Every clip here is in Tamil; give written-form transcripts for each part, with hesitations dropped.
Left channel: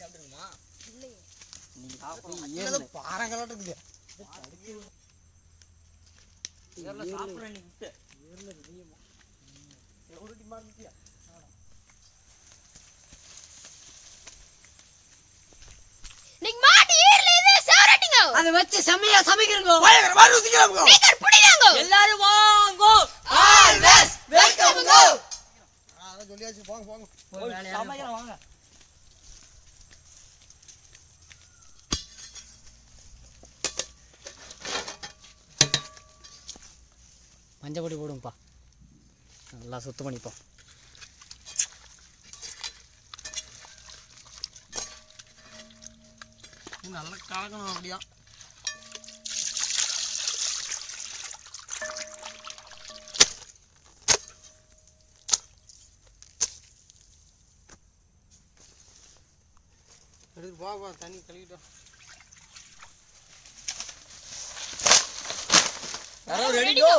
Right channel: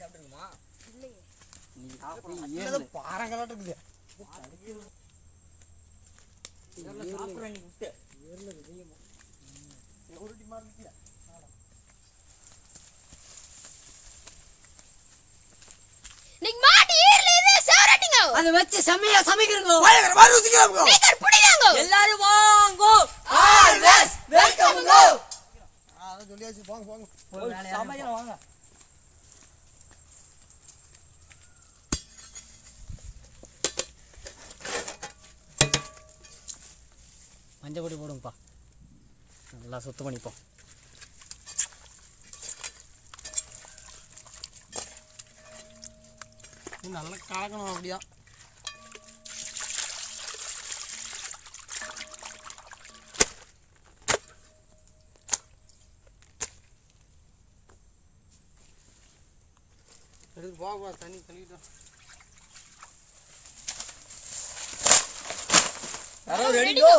சாப்பிட்டுருக்குமா? பாறங்களாட்டு இருக்குது. சாப்பிட்றேன் நீ விட்டு உருட்டி மாட்டியா? அதை வச்சு செமையா சமைக்கிறீங்க. எல்லாரும் வாங்கோ. ஆல்வேஸ் வெல்கம் கோ. சொல்லியாச்சு போங்க போங்க. சமைக்கலாம் வாங்க. மஞ்சள் பொடி போடுங்கப்பா, நல்லா சுத்தம் பண்ணிப்போம். நல்லா கலக்கணும் அப்படியா. எடுத்து போவா தண்ணி கழுவிட்டா. ரெடி கோ.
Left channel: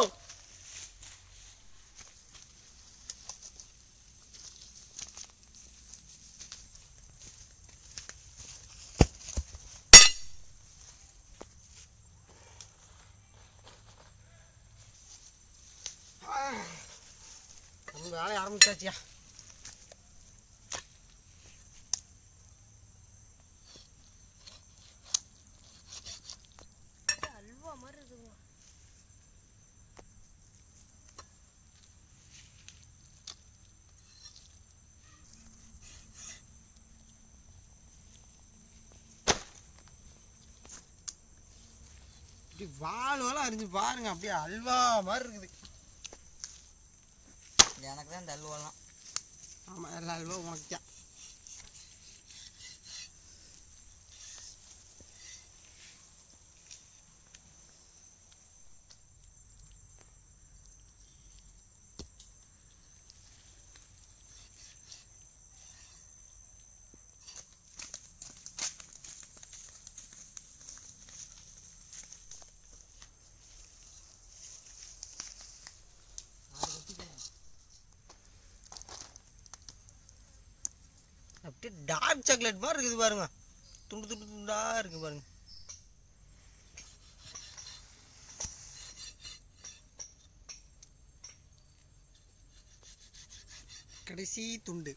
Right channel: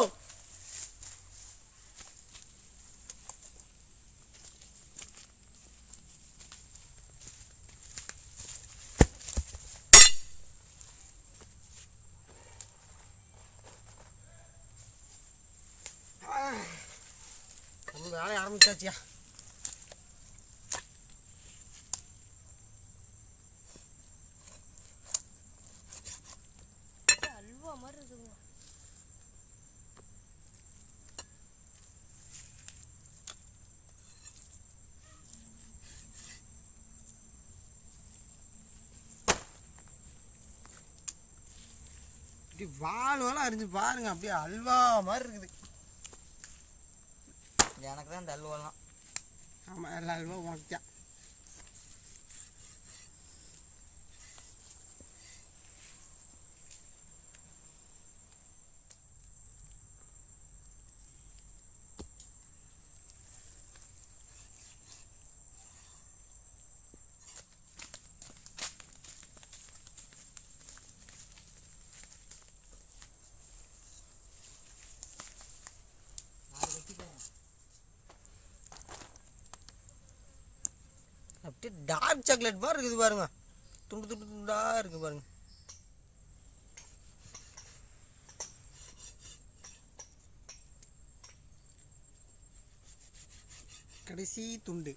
நம்ம வேலையை ஆரம்பிச்சாச்சியா. அல்வா மாதிரி இருக்குங்க. இப்படி வாழலாம் அரிஞ்சு பாருங்க, அப்படியே அல்வா மாதிரி இருக்குது. எனக்கு தான் இந்த அல்வாலாம். ஆமாம், எல்லா அல்வா உனக்குத்தான். அப்படியே டார்க் சாக்லேட் மாதிரி இருக்குது பாருங்க. துண்டு துண்டு துண்டா இருக்கு பாருங்க. கடைசி துண்டு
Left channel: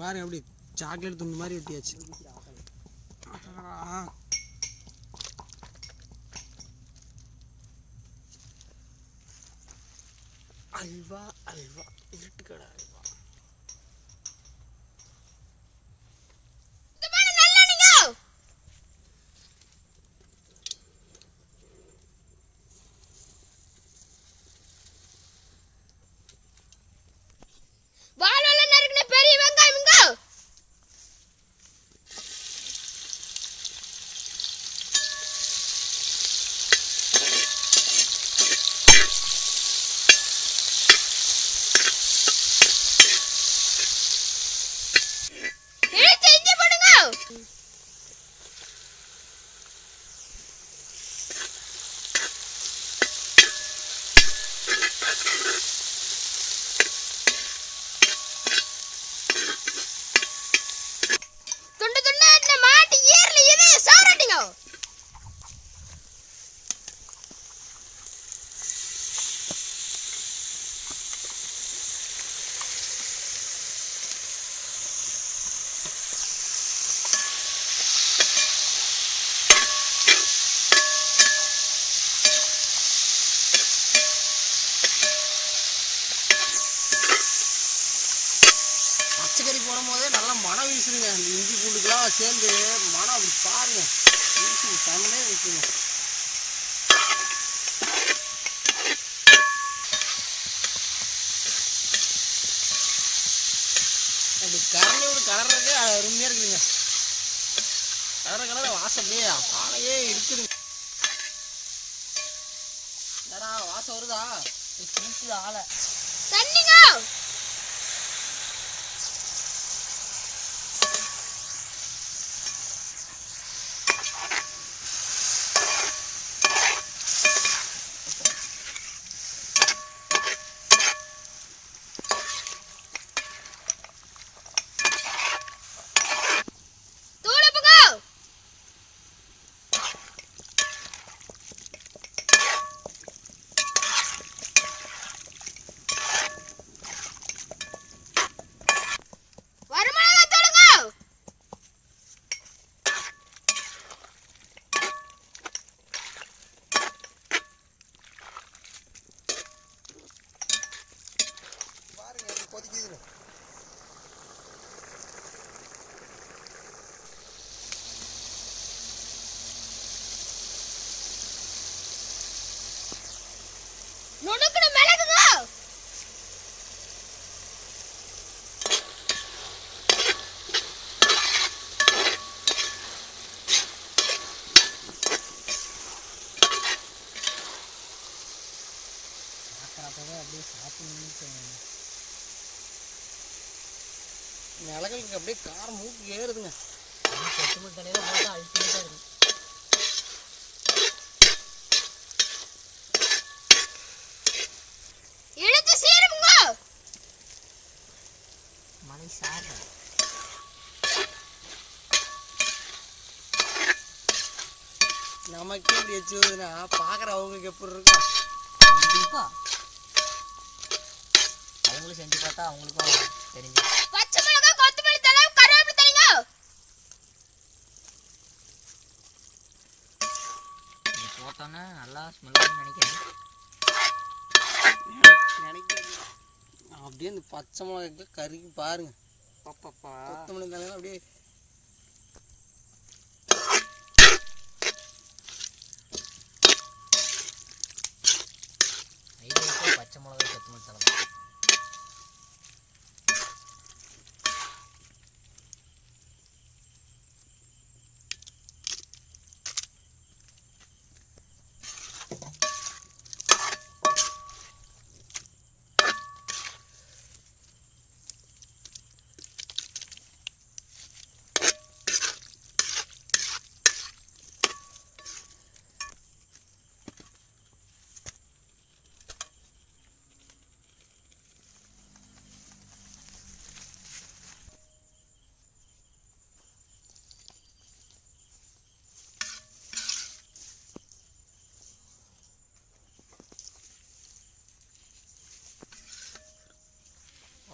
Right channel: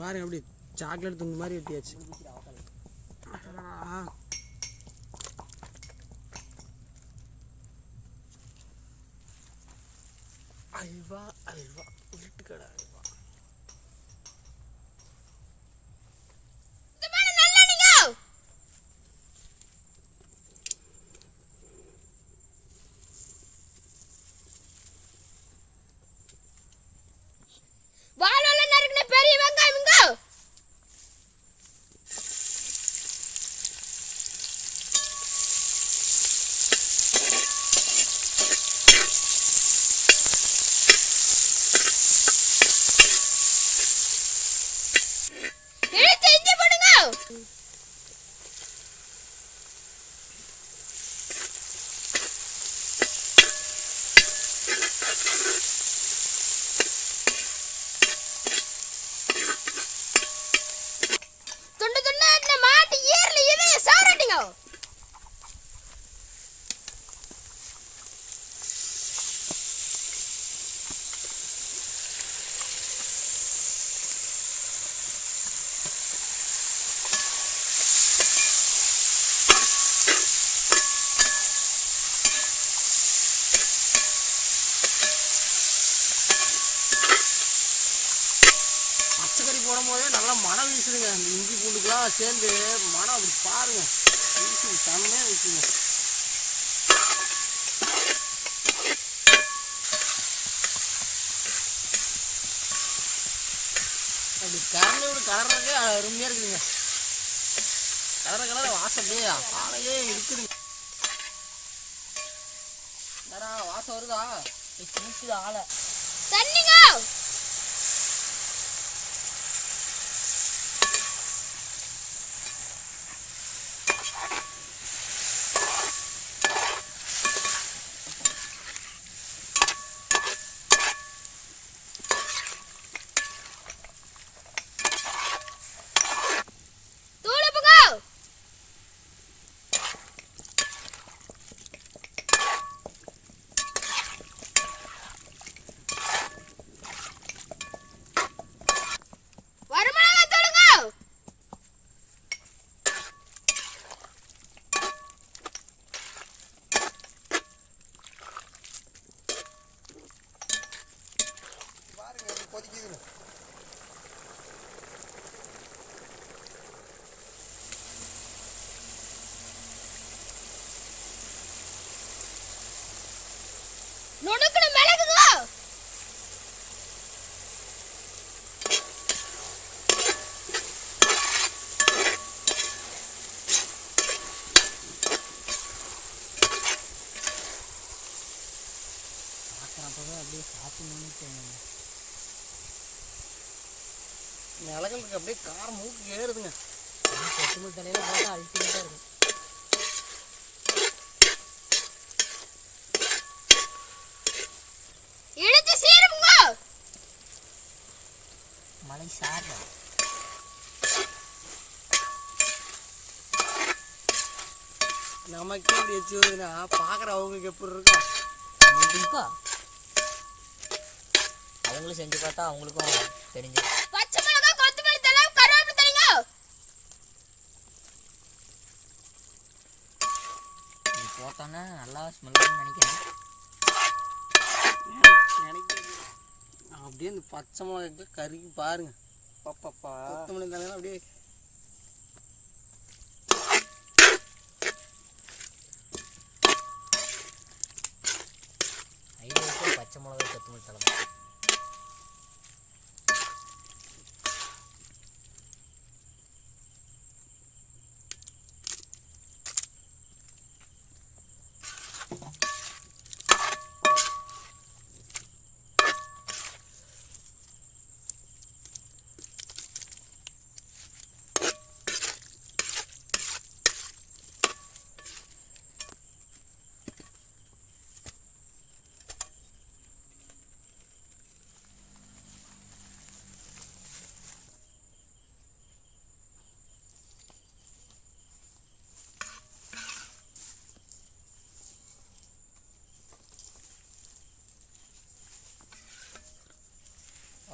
பாருங்க, அப்படியே சாக்லேட் துண்டு மாதிரி வெட்டியாச்சு. அல்வா அல்வா இருட்டுக்கடை அல்வா. பெரிய வெங்காயம் இங்க. பச்சைக்கறி போடும் போதே நல்லா மனம் வீசுதுங்க. இந்த இஞ்சி பூண்டுக்கெல்லாம் சேர்ந்து மனம் அப்படி பாருங்க வீசுங்க, செம்மையாக வீசுங்க. அப்படி கரண்டியோட கலர்றதுக்கே அருமையாக இருக்குதுங்க. கலர வாசம் அப்படியே ஆளையே இருக்குதுங்க. வாசம் வருதா? குளிக்குது ஆளை. தண்ணிங்க. நுணுக்குன மிளகுங்க. அப்படியே சாப்பிடணும்னு மிளகுக்கு அப்படியே காரம் மூக்கு ஏறுதுங்க. கொத்தமல்லி தலையில போட்டு அல்டிமேட்டா இருக்கும். இழுத்து சீருங்க. மலை சாப்பிட நமக்கே இப்படி வச்சு வருதுன்னா பாக்குற அவங்களுக்கு எப்படி இருக்கும்? கண்டிப்பா அவங்களும் செஞ்சு பார்த்தா அவங்களுக்கும் தெரிஞ்சு. பச்சை மிளகாய், கொத்தமல்லி தழை, கருவேப்பிலை தழைங்க. இது போட்டோன்னா நல்லா ஸ்மெல் நினைக்கிறேன். அப்படியே இந்த பச்சை மிளகாய்க்கு கறிக்கு பாருங்க. பாப்பாப்பா கொத்தமல்லி தலைலாம் அப்படியே ஐடியாவுக்கு பச்சை மிளகா கொத்தமல்லி தலை.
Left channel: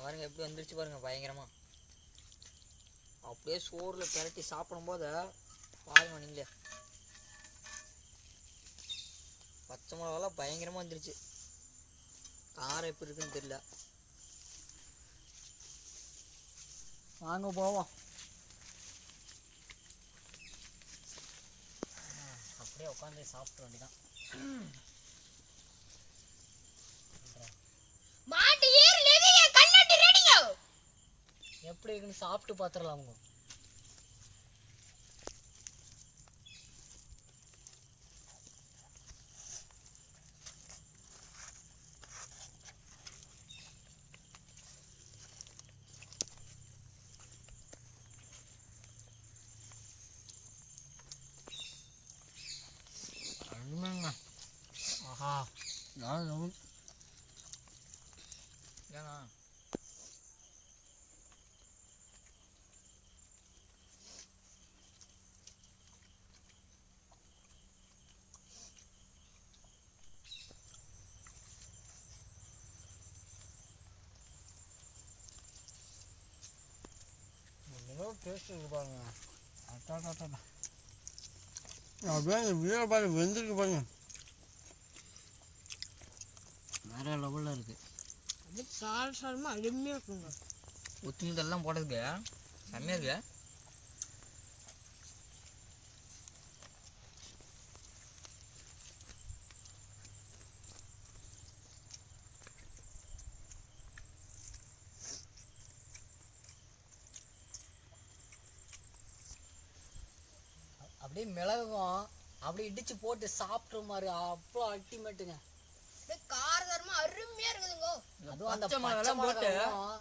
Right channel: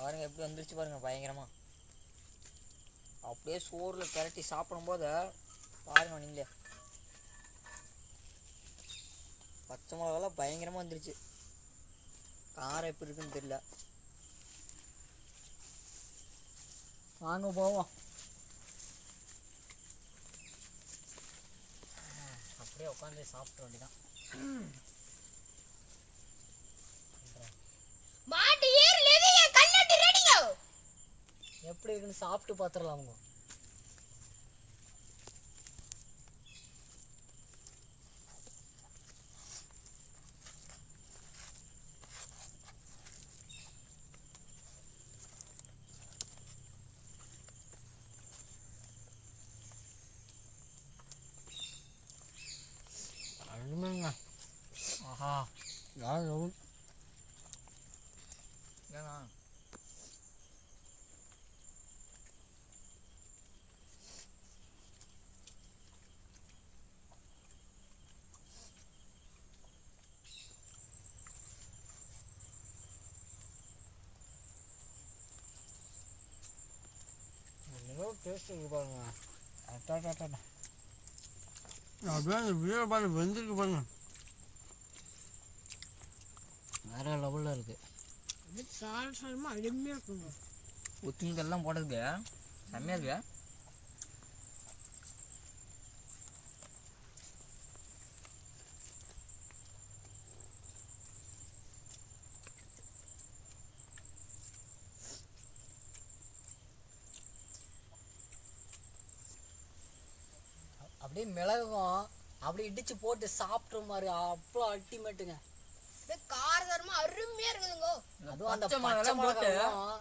பாருங்க எப்படி வந்துருச்சு பாருங்க பயங்கரமா. அப்படியே சோறுல கிளட்டி சாப்பிடும் போது பாருங்க நீங்களே பச்சை மிளகாலாம் பயங்கரமா வந்துருச்சு. காரம் எப்படி இருக்குன்னு தெரியல. வாங்க போவோம். அப்படியே உட்காந்து சாப்பிட வேண்டியதான். மாட்டு ஈரல் இது என் கண்ணாடி ரெடிங்க. எப்படி இருக்குன்னு சாப்பிட்டு பார்த்துடலாமுங்க. ஆஹா நான் ஏன்னா டேஸ்ட் இருக்கு பாருங்க. அப்படியே அந்த வீர பாருங்க வெந்திருக்கு பாருங்க. வேற லெவலில் இருக்கு. அப்படியே சாரமா அருமையா இருக்குங்க. கொத்தமல்லி போட்டதுக்கு செம்மையா இருக்கு. அப்படியே மிளகும் அப்படி இடிச்சு போட்டு சாப்பிட்ற மாதிரி அவ்வளோ அல்டிமேட்டுங்க. அப்படியே காரசாரமா அருமையா இருக்குதுங்க. அதுவும் அந்த பச்சை பச்சை மிளகாலாம் போட்டு மிளகாவும்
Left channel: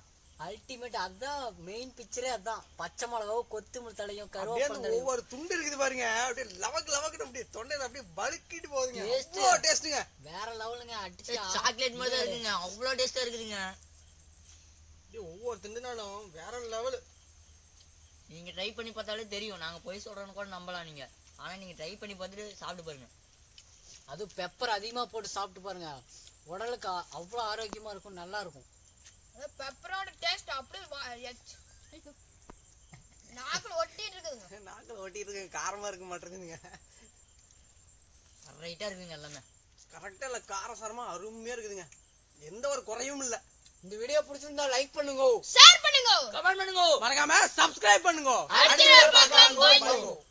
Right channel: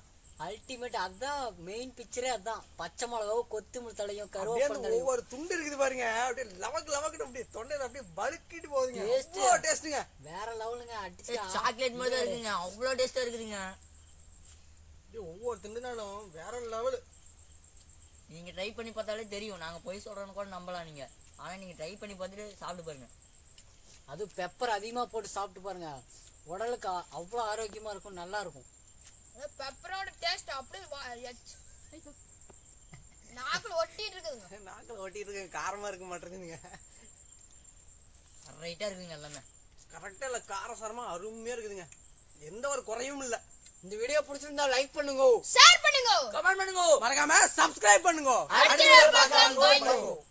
அல்டிமேட். அதான் மெயின் பிக்சரே அதான். பச்சை மிளகாவும் கொத்தமல்லி தலையும் அப்படியே அந்த கருவேப்பிலை ஒவ்வொரு துண்டு இருக்குது பாருங்க. அப்படியே லவக்கு லவக்குன்னு அப்படியே தொண்டையில அப்படியே வழுக்கிட்டு போகுதுங்க. Taste. அவ்வளோ டேஸ்ட்டுங்க. வேற லெவலுங்க. அடிச்சு சாக்லேட் மாதிரி தான் இருக்குங்க. அவ்வளோ டேஸ்டா இருக்குதுங்க. அப்படியே ஒவ்வொரு திண்டுனாலும் வேற லெவலு. நீங்க ட்ரை பண்ணி பார்த்தாலே தெரியும். நாங்க போய் சொல்றோன்னு கூட நம்பலாம் நீங்க. ஆனா நீங்க ட்ரை பண்ணி பார்த்துட்டு சாப்பிட்டு பாருங்க. அது பெப்பர் அதிகமா போட்டு சாப்பிட்டு பாருங்க. உடலுக்கு அவ்வளோ ஆரோக்கியமா இருக்கும், நல்லா இருக்கும். பெப்பரோட டேஸ்ட் அப்படியே நாக்குல ஒட்டிட்டு இருக்குதுங்க. நாக்கில் ஒட்டிட்டு இருக்கு. காரமா இருக்க மாட்டேங்குதுங்க. ரைட்டா இருக்குங்க எல்லாமே. கரெக்டா இல்ல காரசாரமா அருமையா இருக்குதுங்க. எந்த ஒரு குறையும் இல்ல. இந்த வீடியோ பிடிச்சிருந்தா லைக் பண்ணுங்க, ஷேர் பண்ணுங்க, கமெண்ட் பண்ணுங்க, மறக்காம சப்ஸ்கிரைப் பண்ணுங்க. அடுத்த பார்க்கலாம்.